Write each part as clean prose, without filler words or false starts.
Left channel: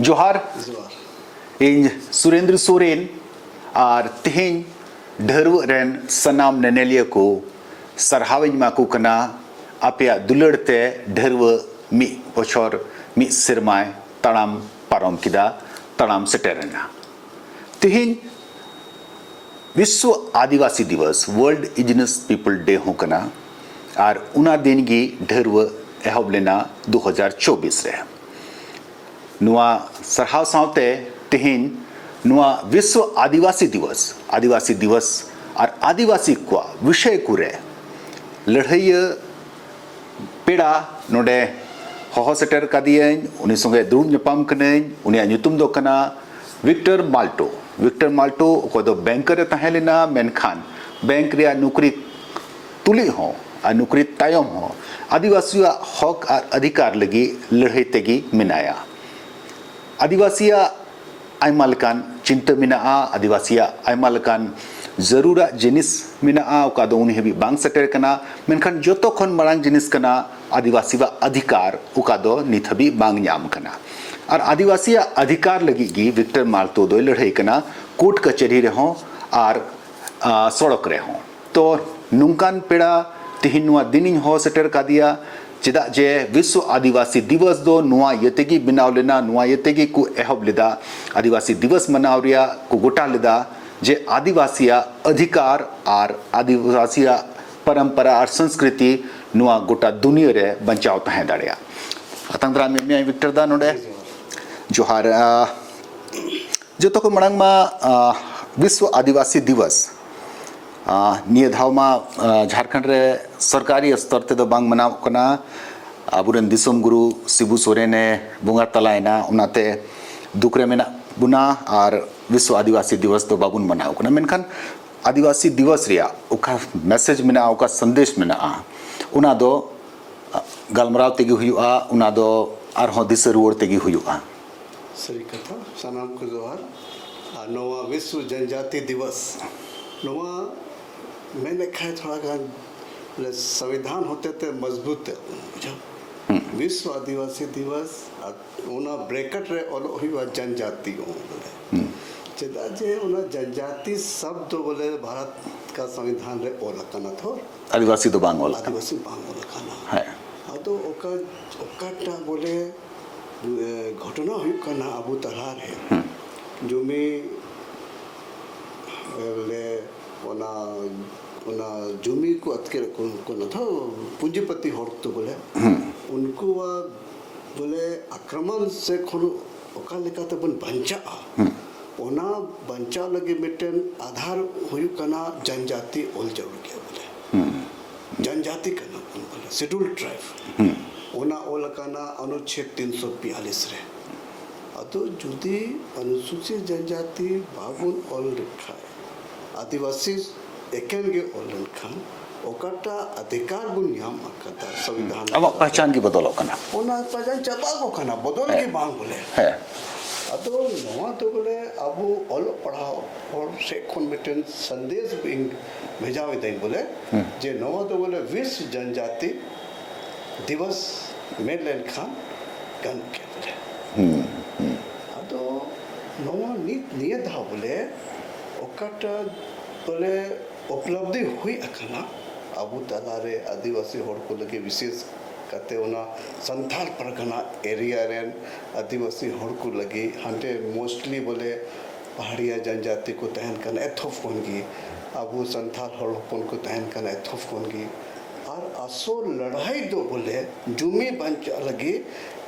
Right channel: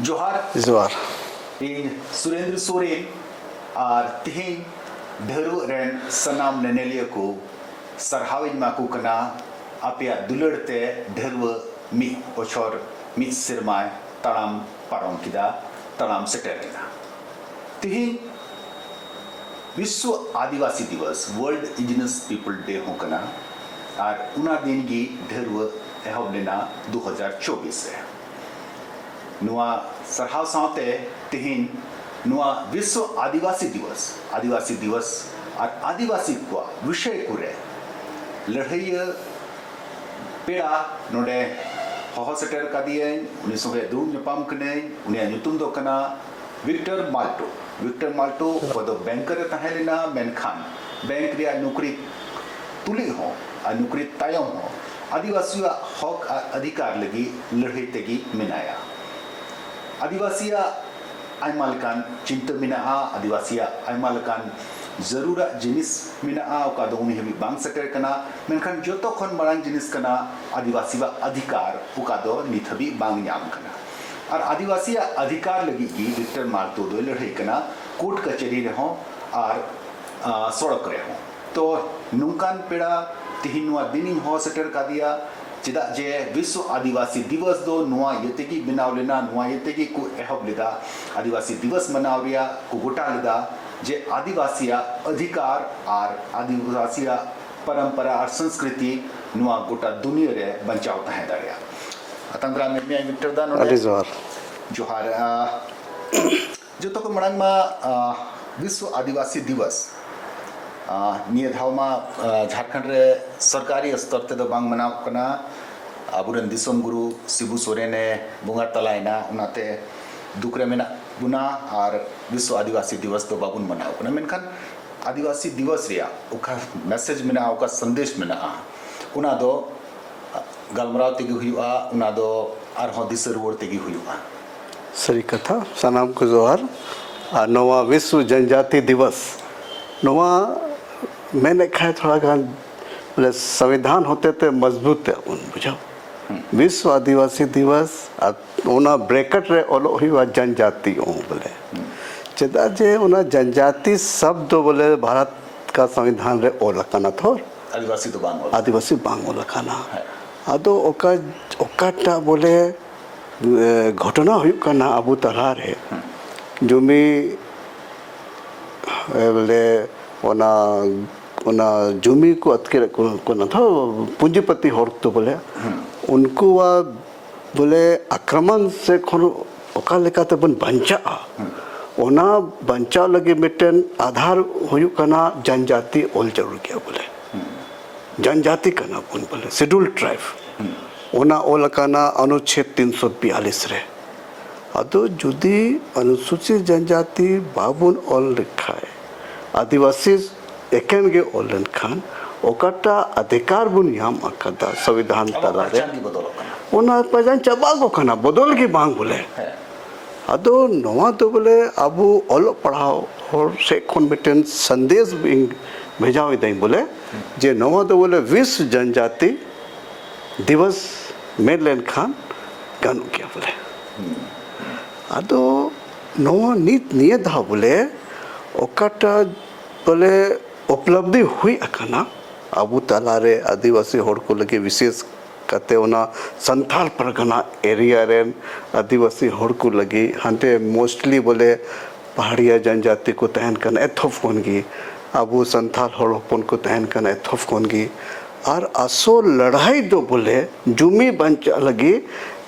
जोहार जोहार इन सुरेंद्र सोरेन और तेहेन ढेरू रेन सनाम नेनेलिया को सरहाविन माकू कना आपया दुलड़ते ढेरव मी बछर मी सिरमाय तड़ाम पारम किदा तड़ाम सेटेरना तेहेन विश्व आदिवासी दिवस वर्ल्ड इंडिजिनस पीपल डे हो कना और उना दिन की ढेरव एहब लेना 2024 रे नुआ सरहाव सावते तेहेन नुआ विश्व आदिवासी दिवस और आदिवासी को विषय कुरे लड़ाई पेड़ा नोडे होहो सेटर कादियन उनी संगे दुरुब नेपाम कनेन उनी नुतुम दो कना विक्टर माल्टो को दो बैंकर तहेलेना मेनखान बैंक रे नौकरी तुली हो और नौकरी तायम हो आदिवासी हक और अधिकार लगी लड़ाई तेगी मिनाया आदिवासिया आयमा लेकान चिंता मिनाआ आदिवासिया आयमा लेकान जरूरा जिनिस मिनाआ ओका दो उनी हबी बांग सेटर कना मेनखान जोतो खन मरांग जिनिस कना आदिवासी बा अधिकार ओका दो निथबी बांग न्याम कना और आदिवासिया अधिकार लगी गी विक्टर माल्टो दो लड़ाई कना कोर्ट कचहरी रहो और सड़क रहो तो नुंकान पेड़ा तिहिनुआ दिनिंग हो सेटर का दिया चिदा जे विश्व आदिवासी दिवस दो नुआ यतेगी बिनाव लेना नुआ यतेगी को एहब लेदा आदिवासी दिवस मनाव रिया को गोटा लेदा जे आदिवासिया अधिकार और आदिवासिया परंपरा और संस्कृति नुआ गोटा दुनिया रे बचाव तहे दाड़िया अतंद्रा में विक्टर दा नोडे जोहार जो तो को मड़ंग मा विश्व आदिवासी दिवस निये धाव मा झारखंड रे सरकारी स्तर ते दो बांग मनाव कना अबुरन दिसोम गुरु शिबू सोरेन बुंगा तलायना उनाते दुकरे मेना बुना और विश्व आदिवासी दिवस तो बाबुन मनाव कना मेनखान आदिवासी दिवस रिया उका मैसेज मेना उका संदेश मेना उना दो गलमराव तेगी हुआ उना दो आरहों दिस रुवर तेगी हुआ सही कथा सनाम को जोहार नवा विश्व जनजाति दिवस नवा मैंने कहा थोड़ा गान बोले संविधान होते थे मजबूत है उन बुझाओ विश्व आदिवासी दिवस उना ब्रैकेट रे ओलो हुआ जनजाति बोले चेदा जे उना जनजाति शब्द बोले भारत का संविधान रे ओ लकाना थोर आदिवासी बांग लकाना है आदो ओकाटा बोले घटना हुई करना अबू तला रे जुमी बोले ओना जुमी को अतके को ना था पूंजीपति होर तो बोले उनको वा बोले आक्रमण से खनो ओका लेका ते बन बंचा ओना बंचा लगे मिटन आधार हुई करना जनजाति ओल जरूर किया बोले जनजाति करना बोले शेड्यूल ट्राइब ओना ओल करना अनुच्छेद 342 रे अतो जुदी अनुसूचित जनजाति बाबुन ओल लिखा है आदिवासी एकेन गे ओलन खान ओकाटा अधिकार बुन याम अकदा संविधान पहचान की बदल कना ओना पहचान चबागो कना बदल की मांग बोले है अदो नवा तो बोले अबु ओलो पढ़ाओ और से कोन मिटन संदेश भेजावे दें बोले जे नवा तो बोले विश्व जनजाति दिवस मेरलेन खान गानु क्या बोले अदो नवा नीत नियत हा बोले ओकाटा बोले उपलब्धि हुई अकना अबू तला रे आदिवासी होड़ को लगे विशेष कते ओना संथाल परगना एरिया रे आदिवासी होड़ को लगी हंटे मोस्टली बोले पहाड़िया जनजाति को तहन कन एथोफ कोनगी अबू संथाल होड़पन को तहन कन एथोफ कोनगी और असो लड़ाई दो बोले जुमी बंचा लगी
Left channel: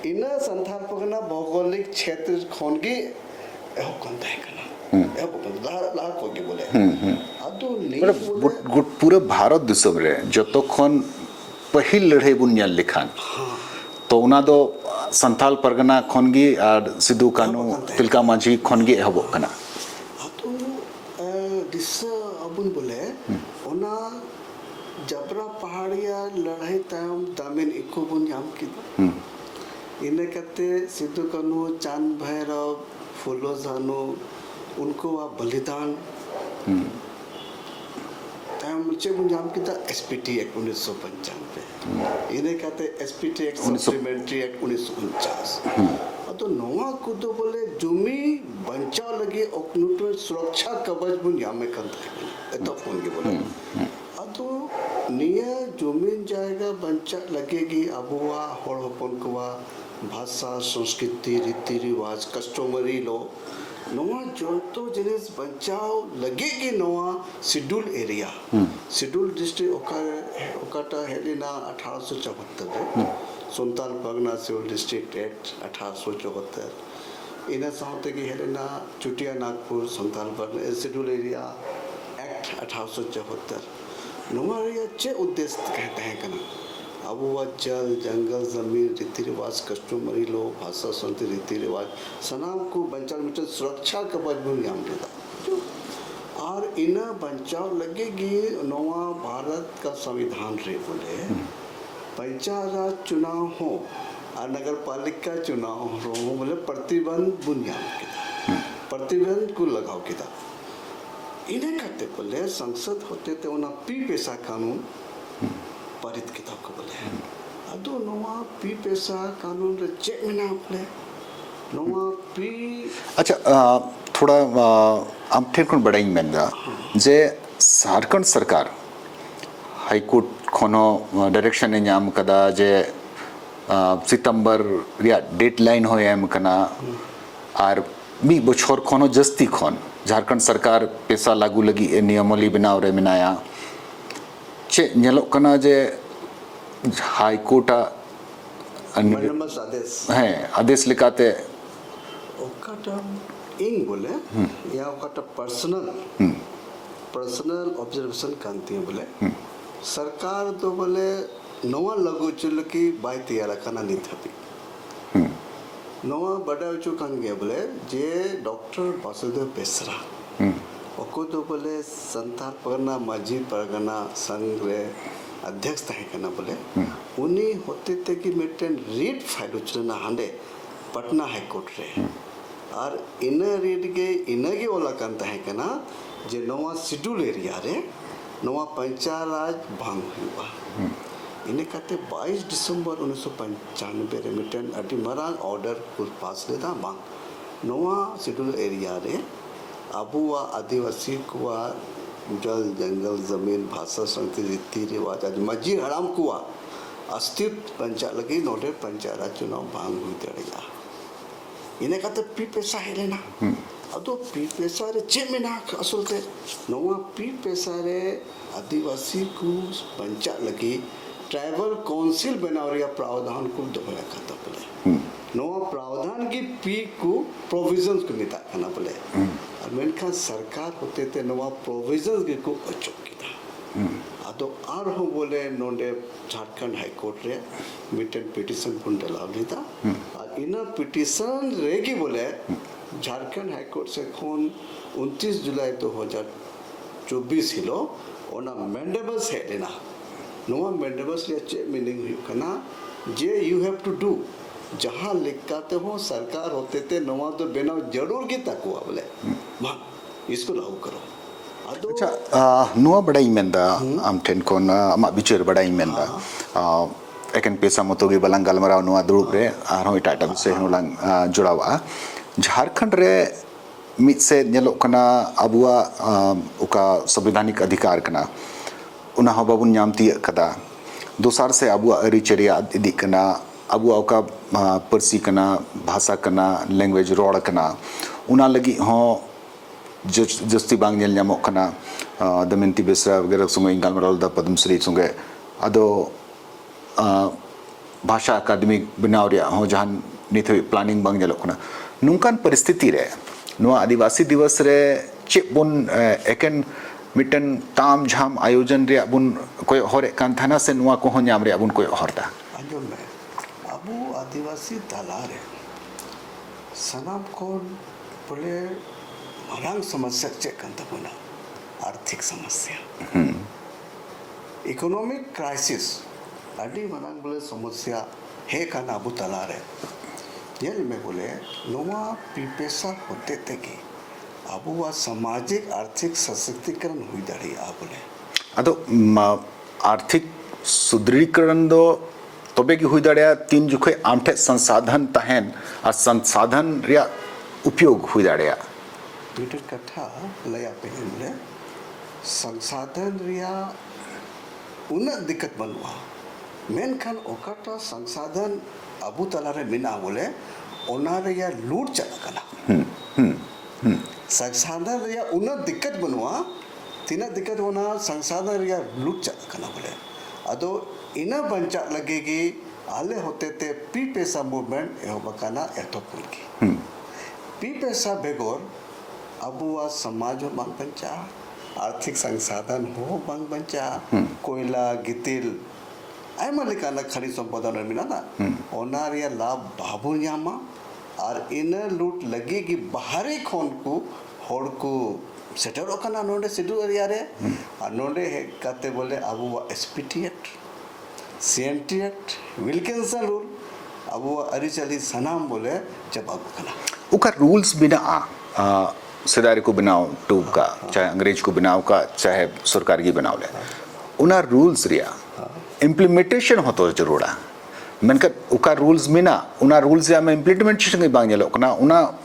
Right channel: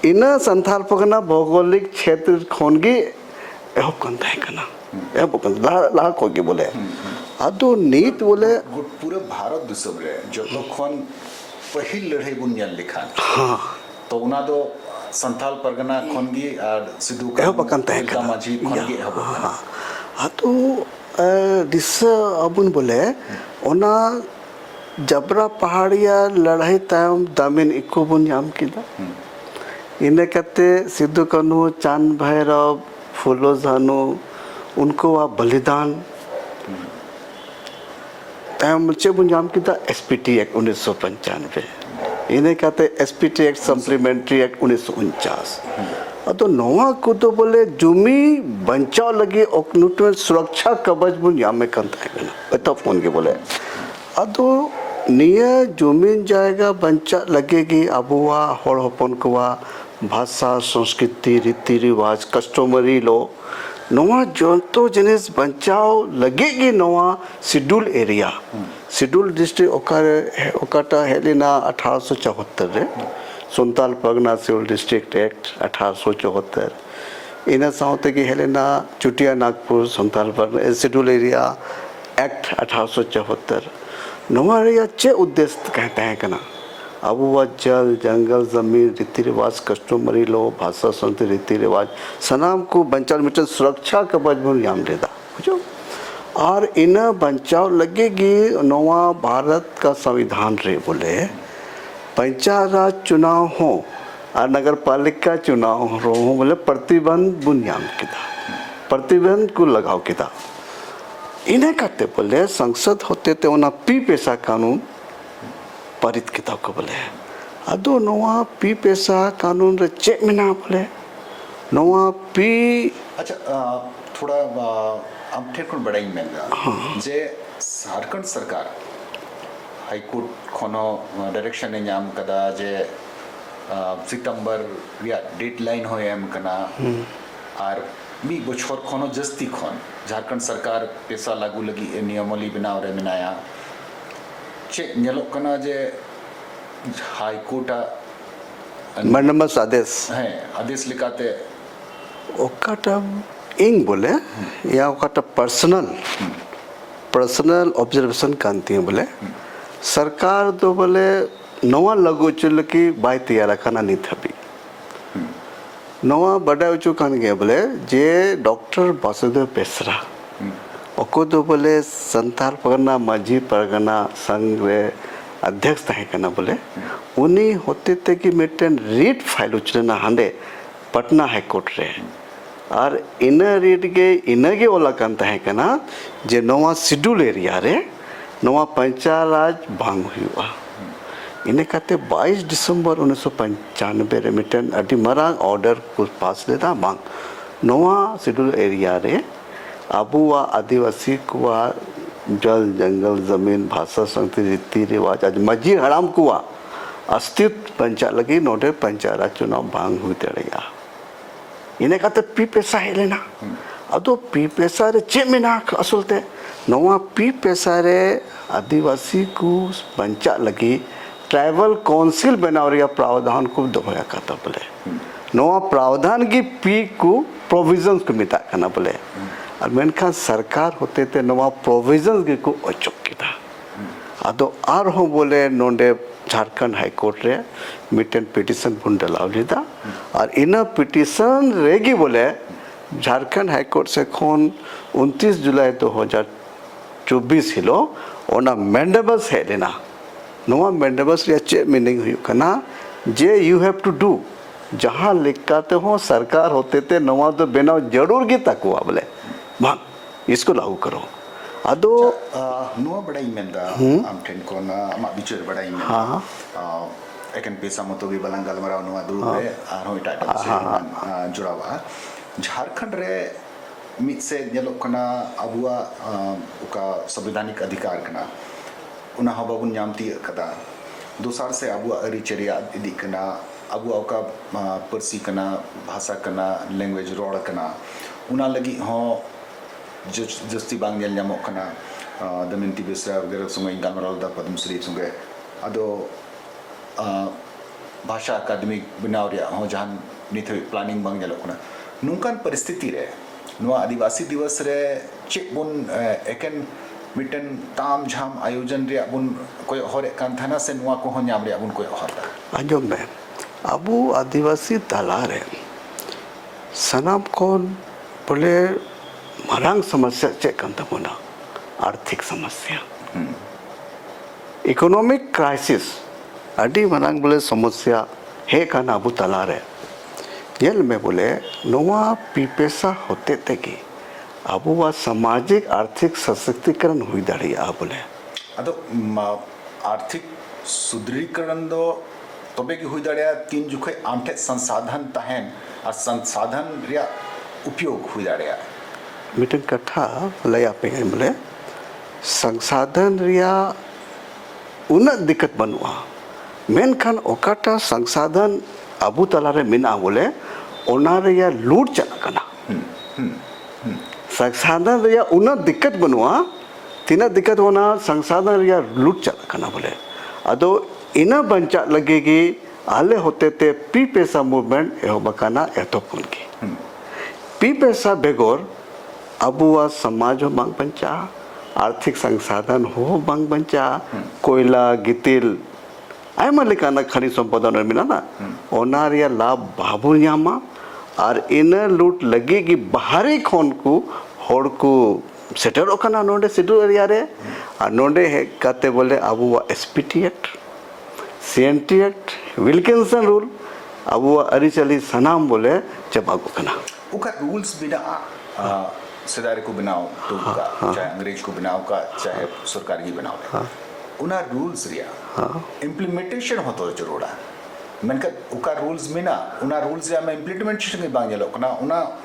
इना संथाल परगना भौगोलिक क्षेत्र खोनगी एहो कन तहन कना ला कोगी बोले आदो नीत बोले पूरा भारत दिसम रे जतो खन पहिल लड़ाई बुनियाल लिखान हाँ तो उना दो संथाल परगना खनगी और सिद्धू कानू तिलका मांझी खनगी एहब कना आदो दिस अबुन बोले ओना जबरा पहाड़िया लड़ाई तायम दामिन इको बुन याम किदा इने कते सिद्धू कानू चांद भैरव फूलो जानू उनको वह बलिदान मुझे बुंजाम की था एसपीटी एक्ट 1995 इन्हें कहते एसपीटी एक्ट सप्लीमेंट्री एक्ट 1949 अतो नवा को तो बोले जुमी बंचाव लगे नुटन सुरक्षा कवच बुन यामे कंता है अतो फोन के बोले अतो निये जुमीन जाएगा बंचा लगेगी अबुआ होड़ होपन कुआ भाषा संस्कृति रीति रिवाज कस्टमरी लो नवा जोंतो जिनिस बंचाव लगेगी नवा शेड्यूल एरिया शेड्यूल डिस्ट्रिक्ट ओकाटा हेलिना 1874 रे Santal Pargana civil district act 1874 इना साउते की हेलिना Chota Nagpur Santal Pargana schedule area act 1874 नवा एरिया चे उद्देश्य कहते हैं कना अब वह जल जंगल जमीन रीति रिवाज कस्टमरी लो भाषा संस्कृति रीति रिवाज सनाम को बंचाव मिटन सुरक्षा कवच बुन याम लेदा बुझो और इन बंचाव लगेगी नवा भारत का संविधान रे बोले पंचायत राज चुनाव हो और नगर पालिका चुनाव हो बोले प्रतिबंध बुनियाम किता प्रतिबंध को लगाओ किता इन्हें कहते बोले संसद होते थे उन्हें पी पैसा कानून पारित किता को बोले अदो नवा पी पैसा कानून रे चेक में ना बोले नवा पी अच्छा थोड़ा हम ठीक कौन बड़ा ही महंगा जे झारखंड सरकार हाई कोर्ट खोनो डायरेक्शन ने नाम कदा जे सितंबर रिया डेडलाइन हो एम कना और मी बछोर खोनो जस्ती खोन झारखंड सरकार पैसा लागू लगी ए नियमोली बनाव रे मिनाया चे नेलो कना जे हाई कोर्ट मंडमस आदेश है आदेश लिखाते ओकाटा इंग बोले या ओकाटा पर्सनल ऑब्जर्वेशन कांती है बोले सरकार तो बोले नवा लगो चल की बाय तैयार खाना नहीं थपी नवा बड़ा उचु कान गया बोले जे डॉक्टर वासुदेव बेसरा ओको तो बोले संताल परगना माझी परगना संघ रे अध्यक्ष तहे कना बोले उनी होते ते कि मिटन रीट फाइल उचलना हांडे पटना हाई कोर्ट रे और इन रीट के इनगे ओला कान तहे कना जे नवा शेड्यूल एरिया रे नवा पंचायत राज भांग हुआ इन्हें कहते 22 दिसंबर 1995 रे मिटन अटी मरांग ऑर्डर को पास लेता भांग नवा शेड्यूल एरिया रे आबुआ आदिवासी कुआ जल जंगल जमीन भाषा संस्कृति रीति रिवाज आज मजी हड़ाम कुआ अस्तित्व पंचायत लगी नोटे पंचायत राज चुनाव भांग हुई तेड़ेगा इन्हें कहते पी पैसा है लेना अदो पी पैसा रे चे में ना असलते नवा पी पैसा रे आदिवासी को पंचायत लगी ट्राइबल काउंसिल बनाव रिया प्रावधान को दोहरा करता बोले नवा प्रावधान की पी को प्रोविजंस को मिटा करना बोले और मेनखा सरकार होते थे नवा प्रोविजंस के को अचुक किता अदो आर हो बोले नोंडे झारखंड हाई कोर्ट रे मिटन पिटिशन पुन डलाव लेता और इन पिटिशन रेगी बोले झारखंड हाई कोर्ट से खोन 29 जुलाई 2024 हिलो ओना मेंडेबस है लेना नवा मेंडेबस या चे मीनिंग हुई कना जे यू हैव टू डू जहाँ लिखाते हो सरकार होते थे नवा तो बेनाव जरूर की तक हुआ बोले भाग इसको लागू करो अदो नुआ बड़ा ही मेंदा हम टेन कोन अमा बिचर बड़ा ही मेंदा एकन पैसा मतोगी बलंगल मरा नुआ दुड़ रे आरो इटाटम से नुला जुड़ावा झारखंड रे मित से नेलो कना अबुआ उका संवैधानिक अधिकार कना उना हो बाबुन न्यामती कदा दोसार से अबुआ अरिचरिया इदी कना अबुआ उका परसी कना भाषा कना लैंग्वेज रोड कना उना लगी हो जस्ती बांग नेल न्यामो कना दमंती बेसरा वगैरह सुंगे इंगालमराल दा पद्मश्री सुंगे अदो भाषा अकादमी बनाव रिया हो जहां निथे प्लानिंग बांग नेलो कना नुकान परिस्थिति रे नुआ आदिवासी दिवस रे चेबुन एकन मिटन ताम झाम आयोजन रे बुन कोई हरे कान थाना से नुआ को न्याम रे बुन कोई हरदा आजो में अबु आदिवासी तला रे सनाम कोन बोले मरांग समस्या चेक कंता मोना आर्थिक समस्या इकोनॉमिक क्राइसिस अडी मरांग बोले समस्या है कान अबु तला रे येल में बोले नोवा पीपेसा होते थे कि अब वह सामाजिक आर्थिक सशक्तिकरण हुई दाड़ी आ बोले अदो आर्थिक सुदृढ़ीकरण दो तबे की हुई दाड़े तीन जुखे आमठे संसाधन तहन और संसाधन रिया उपयोग हुई दाड़े मिटन कथा लया पे बोले संसाधन रिया उन्नत दिक्कत बनुआ मेनखान ओकाटा संसाधन अबू तलारे मिना बोले ओना रिया लूट चला कना संसाधन रिया उन्नत दिक्कत बनुआ तीना दिक्कत होना संसाधन रिया लूट चला कना बोले अदो इना बंचा लगेगी आले होते ते पी पैसा मूवमेंट एहो बकाना एतो पुन की पी पैसा बेगोर अबुआ समाज हो बांग बंचा आर्थिक संसाधन हो बांग बंचा कोयला गितिल आयमा लेकाना खनिज संपदा मिला ना ओना रिया लाभ बाबू न्यामा और इन लूट लगेगी बाहरी खोन को होड़ को सेटर ओकाना नोंडे सिडू एरिया रे और नोंडे है कहते बोले अबुआ SPT act CNT act Wilkinson rule अबुआ अरिचली सनाम बोले चबागु कना उका रूल्स बिना सिदारी को बनाओ टूब का चाहे अंग्रेज को बनाओ का चाहे सरकार की बनाओ ले उना रूल्स रिया इम्प्लीमेंटेशन हो तो जरूरा मनकर उका रूल्स मिना उना रूल्स या में इम्प्लीमेंटेशन की बांग येलो कना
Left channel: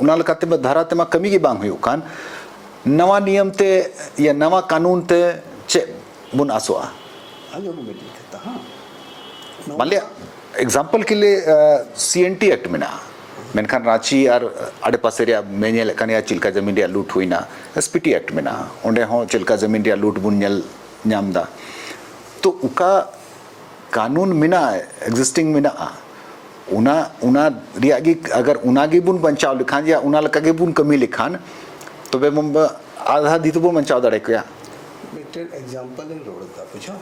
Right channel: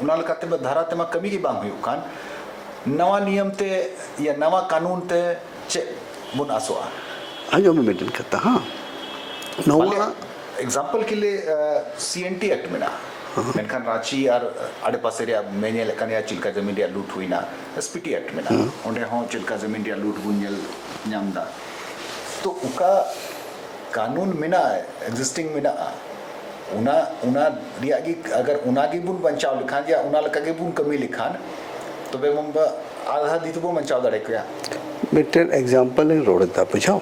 उना लकाते में धारा ते में कमी की बांग हुई उकान नवा नियम ते या नवा कानून ते चे बुन आसुआ आजो में मेंटेन करता हाँ मालिया एग्जांपल के लिए सीएनटी एक्ट मिना मेनखान रांची और आड़े पासे रिया मेन्यल कनिया चिल्का जमीन रिया लूट हुई ना एसपीटी एक्ट मिना ओंडे हो चिल्का जमीन रिया लूट बुनयल न्यामदा तो उका कानून मिना एग्जिस्टिंग मिना उना उना रिया की अगर उना की बुन बंचाव लिखान या उना लका की बुन कमी लिखान तो वे मुंब आधा दी तो वो बंचाव दाड़े क्या मेंटेन एग्जांपल है रोड दा बुझाओ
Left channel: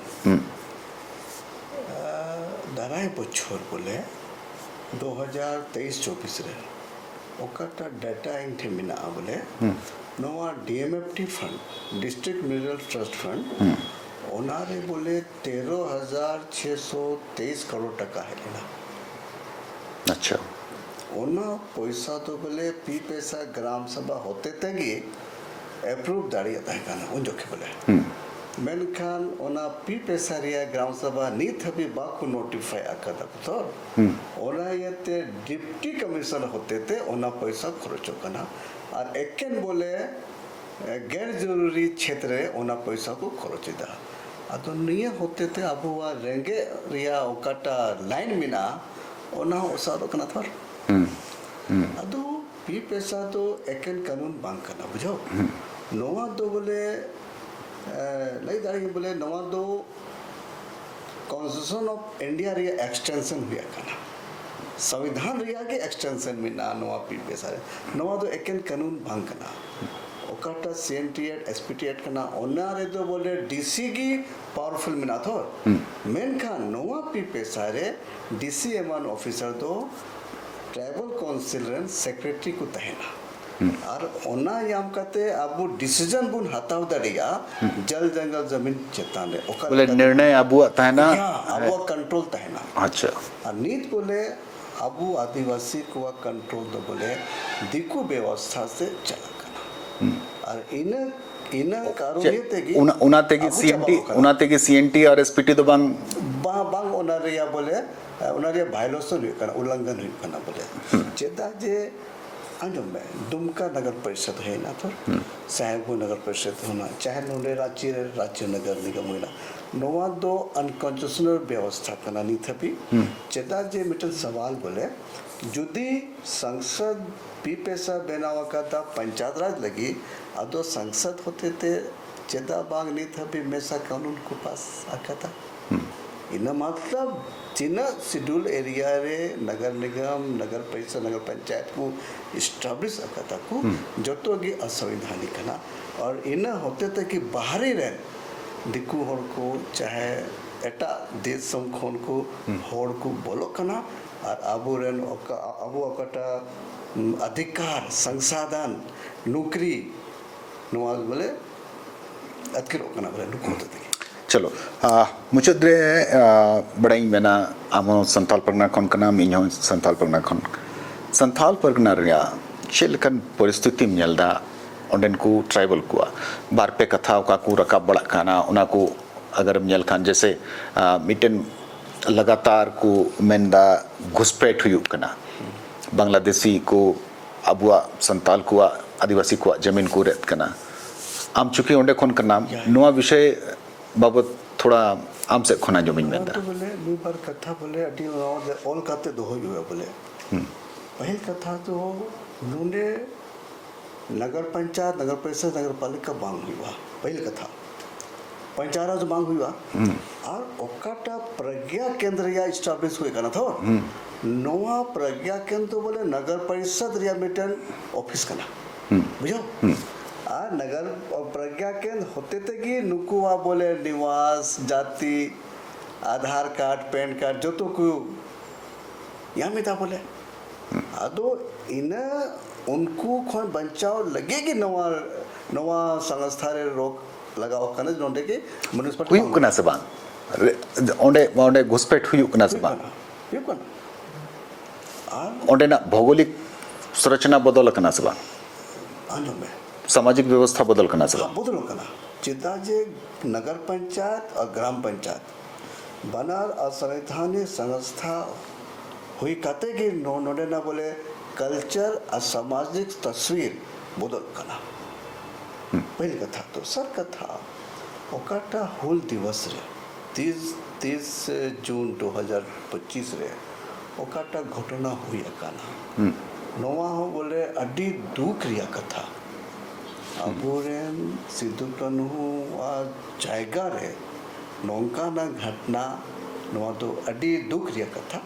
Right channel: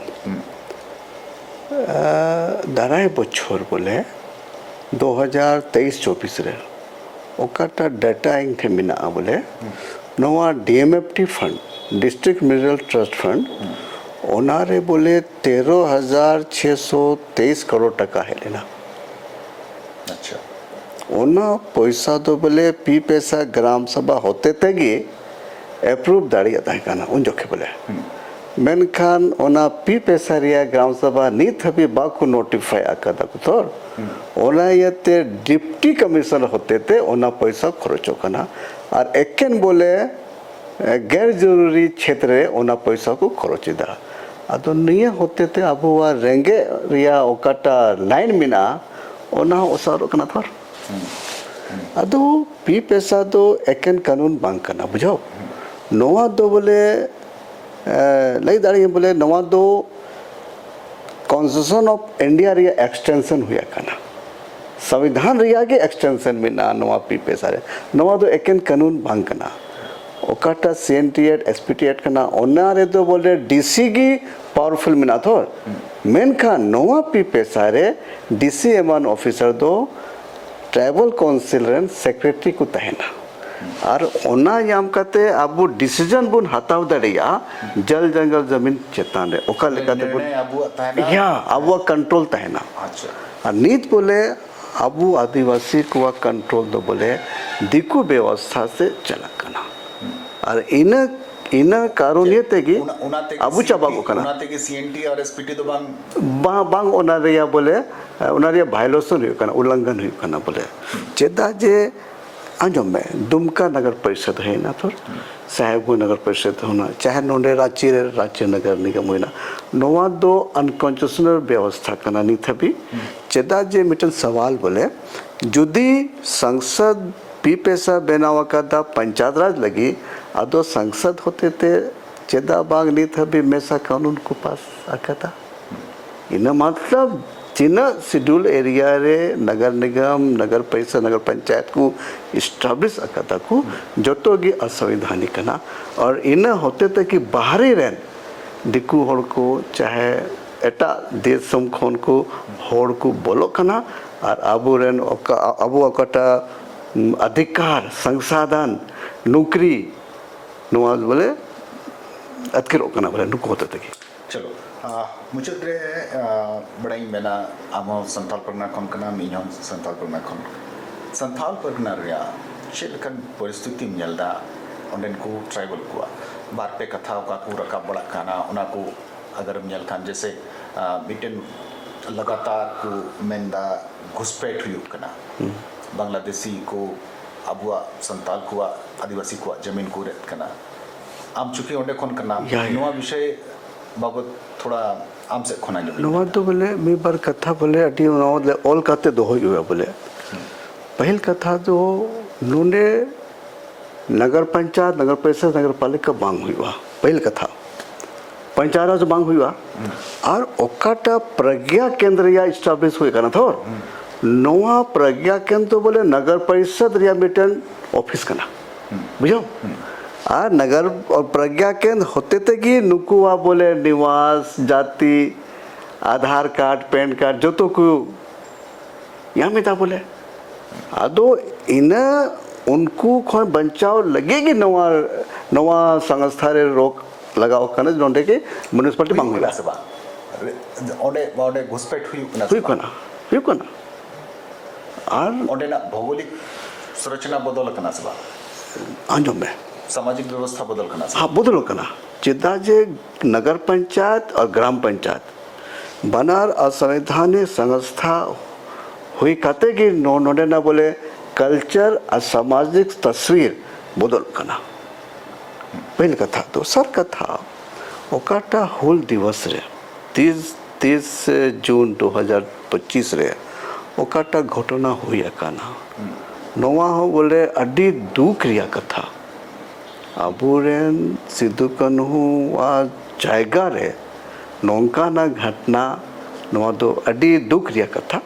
दाराए बच्चोर बोले 2023-24 रे ओकाटा डाटा इंग थे मिना बोले नवा DMFT fund district mineral trust fund ओनारे बोले 13,623 करोड़ टका है लेना अच्छा ओना पैसा तो बोले पी पैसा ग्राम सभा होते तेगी अप्रूव दाड़िया ताहे काना उन जोखे बोले मेनखान ओना पी पैसा रिया ग्राम सभा नीत हबी बाकु नोटिफाई आकादा कुथोर ओना यते डिप्टी कमिश्नर होते थे ओना पैसा खर्चो कना और एकेन बोले गैर जरूरी क्षेत्र ओना पैसा को खर्चिदा अदो निया होते थे अबुआ रेंगे रिया ओकाटा लाइन मिना ओना ओसारो कना थोर अदो पी पैसा तो एकेन कानून बांग कना बुझाओ नोआ दो बोले लई दाड़ी बोले नवा दो कॉन्स्टिट्यूशन ऑफ इंडिया रिया एक्सटेंशन हुआ कना संविधान रिया के एक्सटेंशन में ना नवा पी पैसा रे नवा दो एकेन कानून बांग कना ओकाटा सीएनटी एक्ट एसपीटी एक्ट कना ओना रे तो बोले डीसी की पावरफुल मिना थो मेनखा नवा पी पैसा रे डीसी एमन ऑफिसर दो ट्राइबल काउंसिल रेन सेक्रेटरी को तहना और ओना याम कते अबु डिसीजन बुन हताव दड़िया जल जंगल जमीन चेतान रे ओकर निर्णय अबु तहना या अबु कंट्रोल तहना अच्छा और नीत बोले अबु आदिवासी को कंट्रोल दो बोले दिकु व्यवस्था से चला कना और इन कारोनियत तेगी उनाते की सीएनटी और एसपीटी तो बांग ओना रिया बोले ओना रिया वायलेशन हुई कना उल्लंघन हुई कना बोले चेता जे आजो में दुमका नगर परिषद है ना तो साहेबगंज नगर परिषद होना चाहे नोंडे रांची राज्य नगर निगम होना नवा दो अनकॉन्स्टिट्यूशनल व्यवस्था करना नहीं था भी चेदा जे मिटन सवाल बोले जुदी संसद पी पैसा बेनावा का दा पंचायत राज लगी अदो संसद होते थे चेदा बाग नहीं था भी मैसा कानून को पास आका था इन मतलब जिन शेड्यूल एरिया रे नगर निगम नगर परिषद नगर पंचायत को इस्टाब्लिश आकाता को जोतो की असंवैधानिक कना और इन होते थे कि बाहरी रेन दिकु होड़ को चाहे एटा देश समखोन को होड़ को बोलो कना और अबू रेन अबू अकटा अधिकार संसाधन नौकरी नवाज बोले अतकेर कना बोले नुको होते थे चलो मुझे बड़ाई मेना आमो संताल परगना खन कना मिन्यो संताल परगना रिया चेलकन परिस्थिति मिलदा ओंडेन को ट्राइबल को बार पे कथा का को रकाब बड़ा खाना उना को अगर मिल खान जैसे मिटन लगातार को मेंदा घुसपैठ हुई कना बांग्लादेशी को अबुआ संताल को आदिवासी को जमीन को रेत कना आम चुकी ओंडे खोन का नाम नुआ विषय बाबत थोड़ा आम से खोना जमीन नुआ तो बोले मी बार कथा बोले अटी ऑल काते दो हुआ बोले पहल कथा तो नुने नगर पंचायत नगर परिषद नगर पालिका बांग हुआ पहल कथा पंचायत से बांग हुआ और ओकाटा प्रज्ञा केंद्र या एस्टैब्लिश हुए करना था नवा प्रज्ञा केंद्र तो बोले नगर परिषद या मिटन ऑफिस करना बुझो आ नगर और प्रज्ञा केंद्र होते थे कि नुकुआ बोले निवास जाति आधार कार्ड पैन कार्ड जो तो को यहाँ में था बोले अदो इन उनको खोन बचाव लगेगी नवा नवा संस्था रे रोक लगाओ करने जोंडे के म्युनिसिपलिटी बांग कना से बांग ओंडे ओंडे घुसपैठ हुई कना से बांग हुई कना और ओंडे ना भौगोलिक संरचना बदल कना से बांग आंजो में सामाजिक व्यवस्था बदल कना से हाँ बदल कना चिदा जे नगर पंचायत और ग्राम पंचायत बनार असंवैधानिक संस्था हुई कहते कि नोडे ना बोले कल्चर और सामाजिक तस्वीर बदल कना पहले कथा तो सर कथा ओकाटा हुल दिवस रे 30 जून 2025 रे ओकाटा घटना हुई काना नवा हो बोले अड्डी दुख रिया कथा अबुरेन सिद्धू कन्हू वा जायगा रे नौका ना घटना नवा तो अड्डी दुख रिया कथा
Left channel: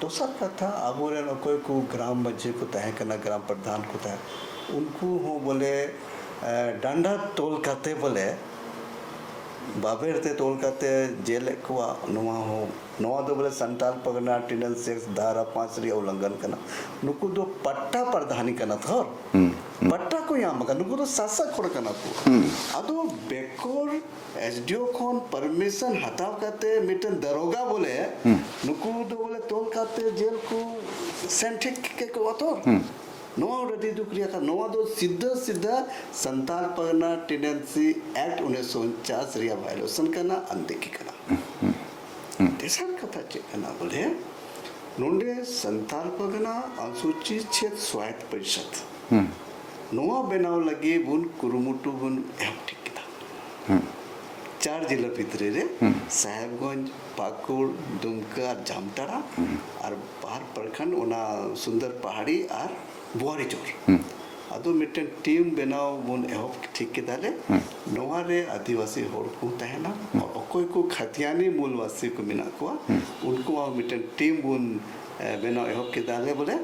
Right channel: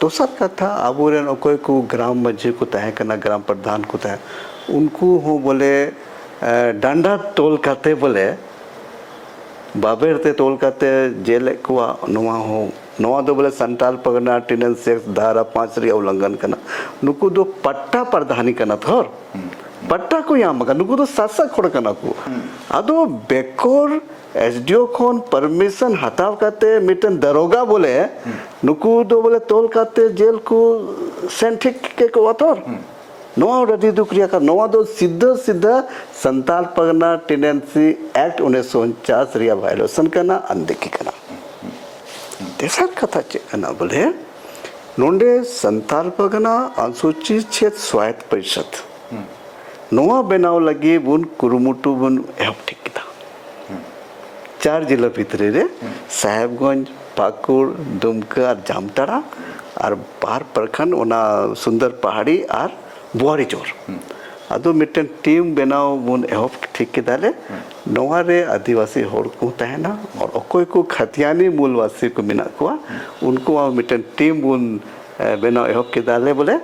तो सर कथा अबुरेन कोई को ग्राम मध्य को तय करना ग्राम प्रधान को तय उनको हो बोले डंडा तोल करते बोले बाबेरते तोल करते जेल को नवा हो नवा दो बोले संताल पगना टिनन सेक्स धारा 5 रे उल्लंघन करना नुकु दो पट्टा प्रधानी करना थोर पट्टा को यहाँ मगर नुकु दो सासा खोड़ करना को अदो बेकोर एसडीओ खोन परमिशन हटाव करते मिटन दरोगा बोले नुकु दो बोले तोल करते जेल को सेंटिक के को अथोर नवा रदी दुक्रिया का नवा दो सीधा सीधा संताल पगना टेनेंसी एक्ट 1949 रिया वायलेशन करना अनदेखी करना तेसर कथा चेकना बोले नोंडे संताल पगना अनुसूचित क्षेत्र स्वायत्त परिषद नवा बनाव लगी बुन कुरुमुटु बुन एहब ठीक था 4 जिला भितरे रे साहेबगंज पाकुड़ दुमका जामताड़ा और बार प्रखंड ओना सुंदर पहाड़ी और बुआरी चोर अदो मिटन टीम बनाव बुन एहब ठीक के दाले नवा रे आदिवासी होड़ को तहना और अकोय को खतियानी मूलवासी को मिना को उनको मिटन टीम बुन बनाव एहब के दाले बोले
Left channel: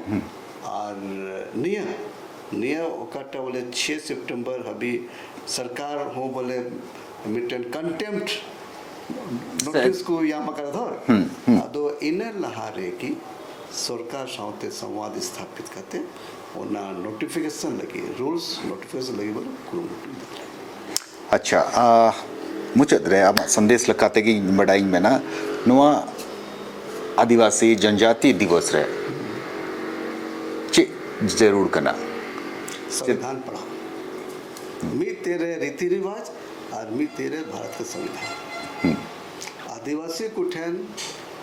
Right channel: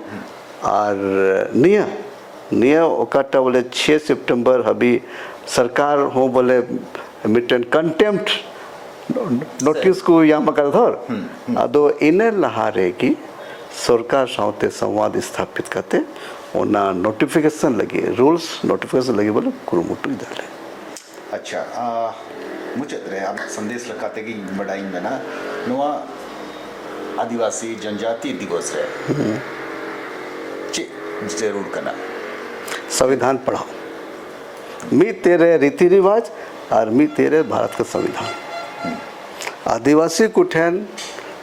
और निया ओकाटा बोले 6 सितंबर अभी सरकार हो बोले मिटन कंटेम्प्ट नोटिस को यहाँ मकर धर अदो इने लहारे की सरकार साथ संवाद स्थापित करते ओना नोटिफिकेशन लगे रूल्स नोटिफिकेशन लगे बोले कुरुमुटु इधर अच्छा मुचत रे आप संदेश लगाते कि बड़ाई में ना नुआ आदिवासी जनजाति दिवस रे ची जरूर करना संविधान पढ़ाओ मी तेरे रीति रिवाज और मी तेरे भारत का संविधान आदिवासी कुठेन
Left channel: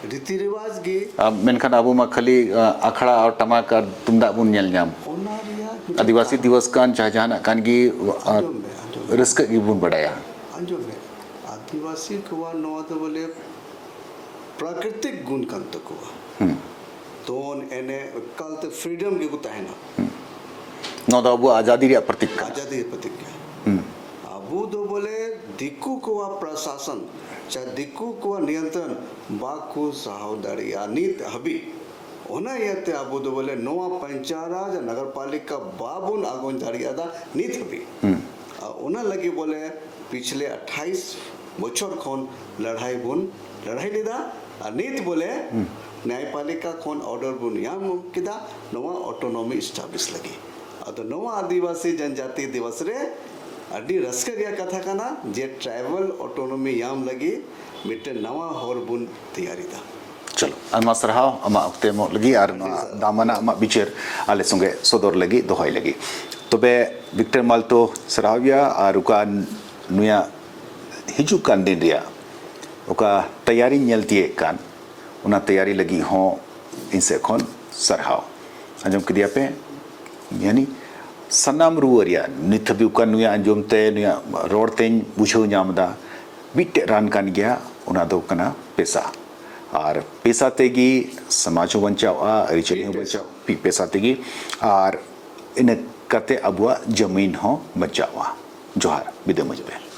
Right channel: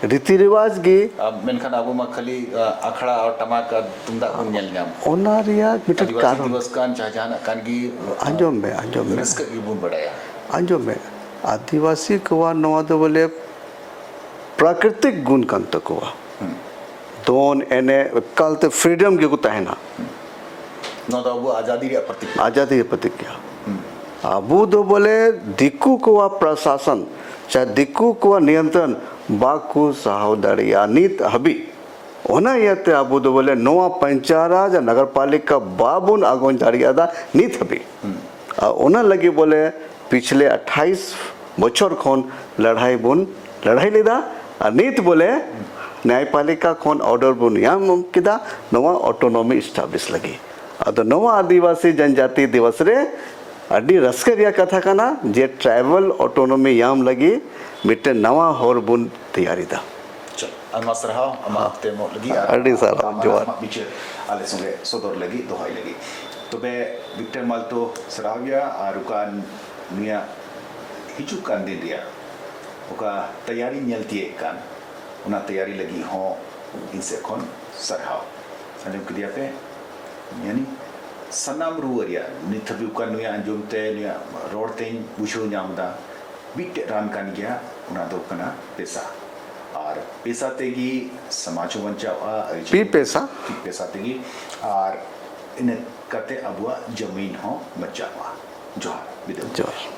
रीति रिवाज गी मेनखान अबू मा खाली अखड़ा और टमाक और तुमदा बुन नेल ᱧᱟᱢ ओना रिया आदिवासी दिवस कान चाहजाना कान गी अंजोम में रिस्क की बुन बढ़ाया अंजोम में आदिवासी कोवा नवा दो बोले प्राकृतिक गुण कंत कोवा दोन एने कलते फ्रीडम के को तहना नौ दो आजादी रे प्रतिज्ञा अबू दो बोले दिक्कू कोवा प्रशासन चाहे दिक्कू कोवा नियंत्रण बाकू सहोदरिया नीत हबी ओना यते अबू दो बोले नोआ पंचायत नगर पालिका बाबुन आगोन दाड़ियादा नीत हबी ओना लगी बोले पिछले 28 बछर खोन लड़ाई लेदा और नीत बोले न्यायपालिका खोन ऑर्डर बुन याम किदा नोआ ऑटोनॉमी एस्टैब्लिश लगी अदो नोआ आदिवासी जनजाति दिवस रे अड्डी रस्करिया कथा कना जे ट्राइबल ऑटोनॉमी याम लगी मिटे नवा होर बुन तैयारी दा चलो अमा सरहाव अमा अक्ते मो लगी अड्डी सर अमा बिचर आले संगे सदर लगी दोहाई लगी तबे विक्टर माल्तो सरहाविया आरुका नुया हिजु कान दिन रिया ओका तैयारी नेलती कान उना तैयारी लगी हों इनसे कौन सरहाव अंजम कदिया पे यानी सनाम रुवरिया नित बुकान नुया अंजम ते नुया रोड तें बुझो ᱧᱟᱢदा बिटे रान कान गया उना दो कना पैसा और पैसा तेगी समाज बंचावा पी पैसा तेगी और इन कते अबुआ जमीन हो बचावा जोहार विदम जोहार।